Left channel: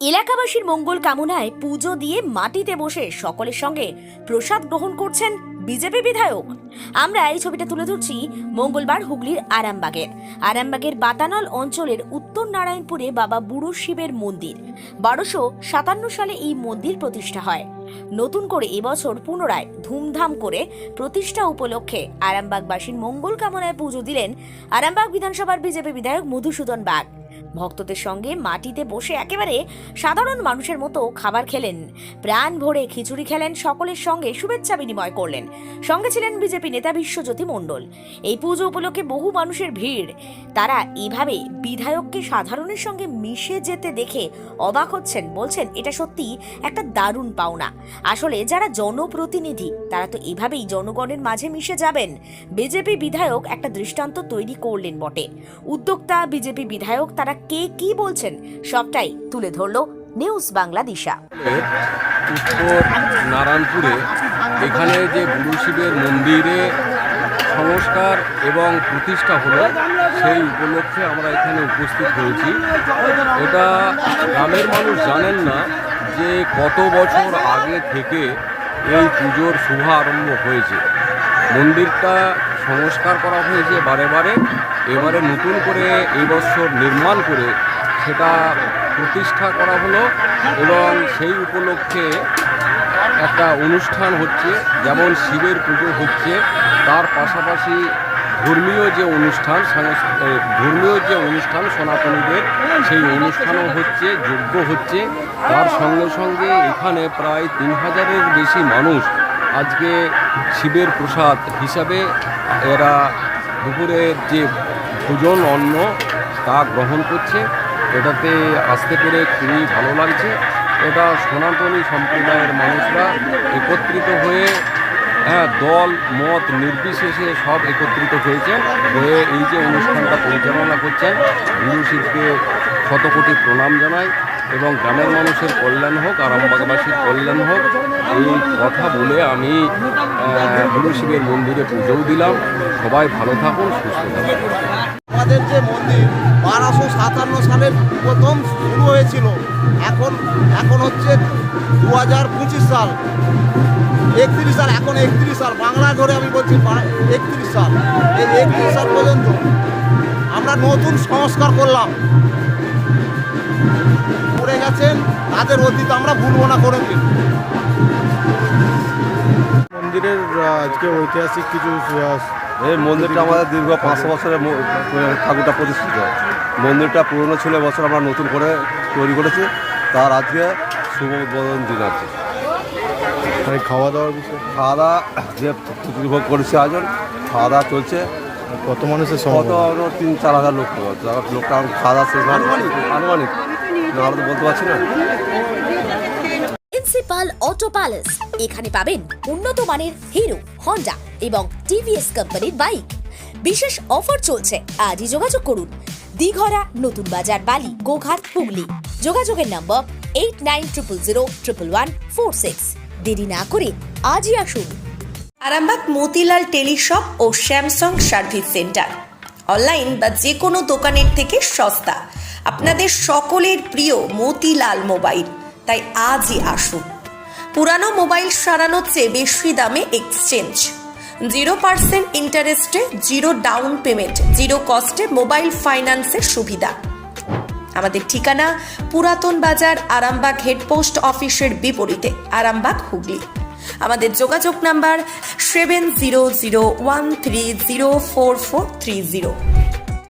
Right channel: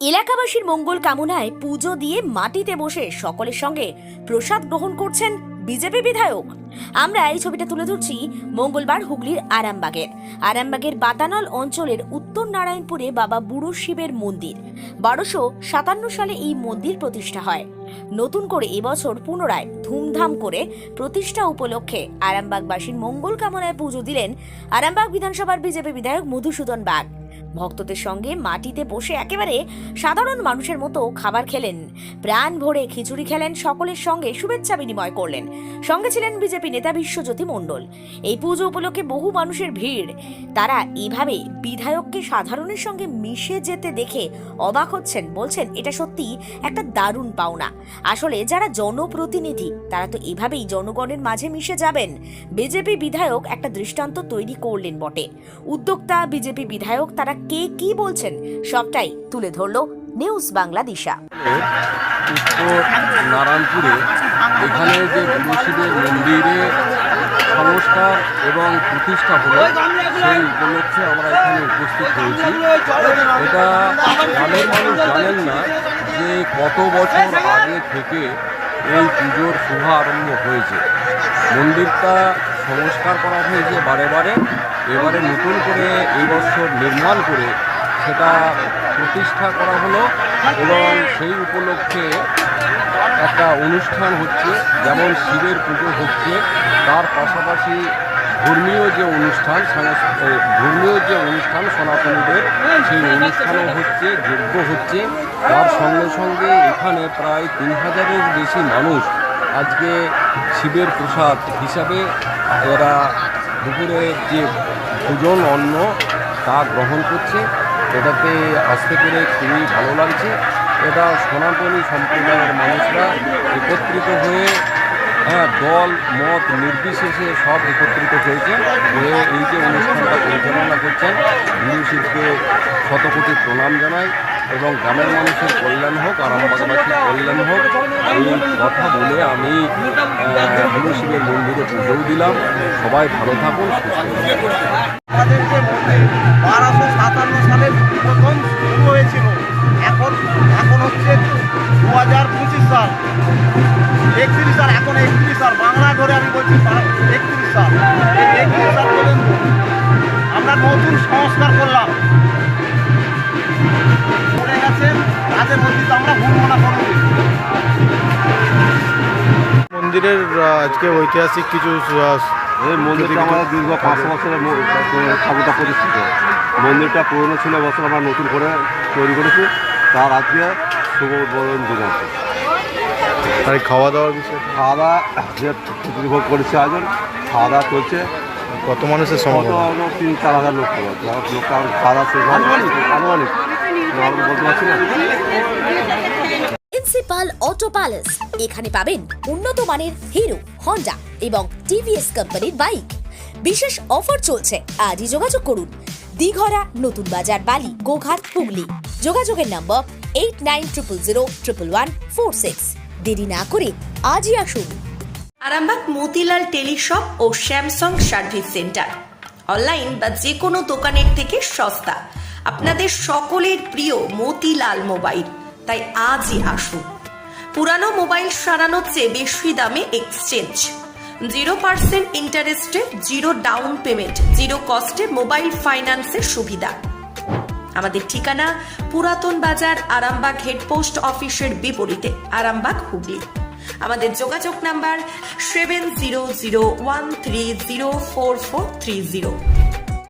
এলাকাবাসীর মঙ্গল কামনায় পুজো দিয়ে মাটিতে বসে সকলের সঙ্গে প্রসাদ গ্রহণ করছেন বিজেপি বিধায়ক। আমরা এই ছবিটা তুলে ধরছি মঙ্গলবার হুগলির আরামবাগের বাতানল অঞ্চলের উত্তর নারায়ণপুরে বাবা বুড়ো শিবের মন্দির। 1257 সালে এই মন্দির প্রতিষ্ঠা হয়। নতুন করে এবছর পুনরায় ধুমধাম করে প্রতিষ্ঠা উপলক্ষে আরামবাগবাসীর মঙ্গল কামনায় পুজো দিলেন আরামবাগ বিধানসভার বিজেপি বিধায়ক মধুসূদন বাগ। ভক্তদের সঙ্গে মাটিতে বসে একেবারে সাধারণ মানুষের মতো খাবার খেলেন, প্রাণ ভরে খিচুড়ি খেলেন, সকলের সঙ্গে শুভেচ্ছা বিনিময় করলেন। সঙ্গে ছিলেন বিজেপি নেতা বিশ্বজ্যোতি মণ্ডল। এই পুজো উপলক্ষে বহু মানুষের ভিড়। তারা এইভাবে বিধায়ককে সাধারণের সঙ্গে মিশে যেতে দেখে অবাক হচ্ছেন, বলছেন এটা সত্যি একটা দারুণ পাওনা। আসলে যারা জনপ্রতিনিধি তারা তো এভাবেই জনগণের মাঝে মিশে যাবেন। বিজেপি বিধায়ক একটা দৃষ্টান্ত তৈরি করলেন বটে। উদ্যোক্তা বিজেপি বিধায়ক তারা কে কি বলছেন সবটাই তুলে ধরলো নিউজ বাংলা দিশা। উত্তর নারায়ণপুরে এখানে যে বুড়ো শিবের মন্দিরে সংস্কার এবং প্রতিষ্ঠা হলো সেই উপলক্ষে আমরা এখানে উপস্থিত হয়েছি। এটা গ্রামের মানুষ জানেন না যে কত বছর আগে থেকে এই পুজোর শুভ আরম্ভ হয়েছে। মন্দিরটা সংস্কার করা হয়েছে বারে, এবারে নতুন করে এই বছর নির্মাণ করে সেটা প্রতিষ্ঠা করা হলো এবং সেই উপলক্ষে একটা অনুষ্ঠান হচ্ছে। যেমন শিবের পুজো হচ্ছে, তার পাশাপাশি ধর্মীয় যে অনুষ্ঠান সনাতনীদের সেই অনুষ্ঠানও হচ্ছে, যজ্ঞ হচ্ছে। তার সঙ্গে সঙ্গে এখানে প্রায় 3000-এর বেশি মানুষ আজকে শিবের প্রসাদ হিসাবে এরা দুপুরের যে ভোজন অন্ন তা গ্রহণ করছে। এটাতে আসতে পেরে খুবই ভালো লাগছে। এটা সনাতনী সম্প্রদায়ের মানুষরা একত্রিত হয়ে দল মত নির্বিশেষে সব একত্রিত হয়ে এই যে অনুষ্ঠানটা পরিচালনা করছেন, বুড়ো শিবকে শতকোটি প্রণাম জানাই এবং গ্রামের মানুষের কল্যাণ হোক, আরামবাগবাসীর কল্যাণ হোক, এই কথা বলে আমি বুড়ো শিবের মন্দিরে পুজোও দিলাম। সবাই ভালো থাকুন, সুস্থ থাকুন। আমাদের যে মন্দির 1257 সালে প্রথম শুরু হয়েছিল, এখন হচ্ছে 2025 সাল, 31 সাল, এখন 31 সাল বাংলা ধরে আমি বলছি 31 সাল। এই 31 সাল পর্যন্ত আমরা নতুন সংস্কার করলাম, করে গেছেন তাদের অতীত আমরা ভুলবো না কোনোদিন। মন্দিরের আজকে ঐতিহাসিক কিছু এই মন্দিরটা আমাদের দীর্ঘ 500 বছরের ঠাকুরটা প্রতিষ্ঠিত। মন্দিরটা পুরনো ছিল, বছর আমরা নতুন করে তৈরি করেছি। তার আজকে শুভ উদ্বোধন দিন আছে। মানে খাওয়া দাওয়ার বিষয়ে খাওয়া দাওয়া যে উপভোগ করেছে আয়োজন, খাওয়া দাওয়া চলছে। কত মানুষের সমাগম? 3-4 হাজার লোক পাবো। লোকটা খাওয়া দাওয়া শেষ আনুমানিক বলতে পারছি না। প্রিন্সিপাল অটো প্যালেস, এখানে পাবেন উন্নত মানের হিরো, হন্ডা এবং টিভিএস কোম্পানির বাইক। বিশেষ অফার চলছে, আজই যোগাযোগ করুন। দিঘরা, নতুন বাজার, বালি, গোঘাট, হুগলি। যোগাযোগের নম্বর 8900011146। দেরি না করে আজই আসুন। আরামবাগ মতিলাল টেলিশপ ও স্যামসাং সার্ভিস সেন্টার, অনলাইন বা যে কোনো দোকানের থেকে সস্তা। আপনাদের সকলের প্রিয় মতিলাল মোবাইল, তাই আজই আসুন। পুরানো মোবাইল সারানোর চেয়ে বেশি দামে এক্সচেঞ্জ, 0% ইন্টারেস্টে, 0 ডাউন পেমেন্ট, 0 কস্টে মোবাইল ফাইন্যান্সের সুবিধা। আমাদের ঠিকানা পুরাতন বাজার, আরামবাগ হেডপোস্ট অফিসের বিপরীতে, আরামবাগ, হুগলি। আমাদের যোগাযোগ নাম্বার 7001304430।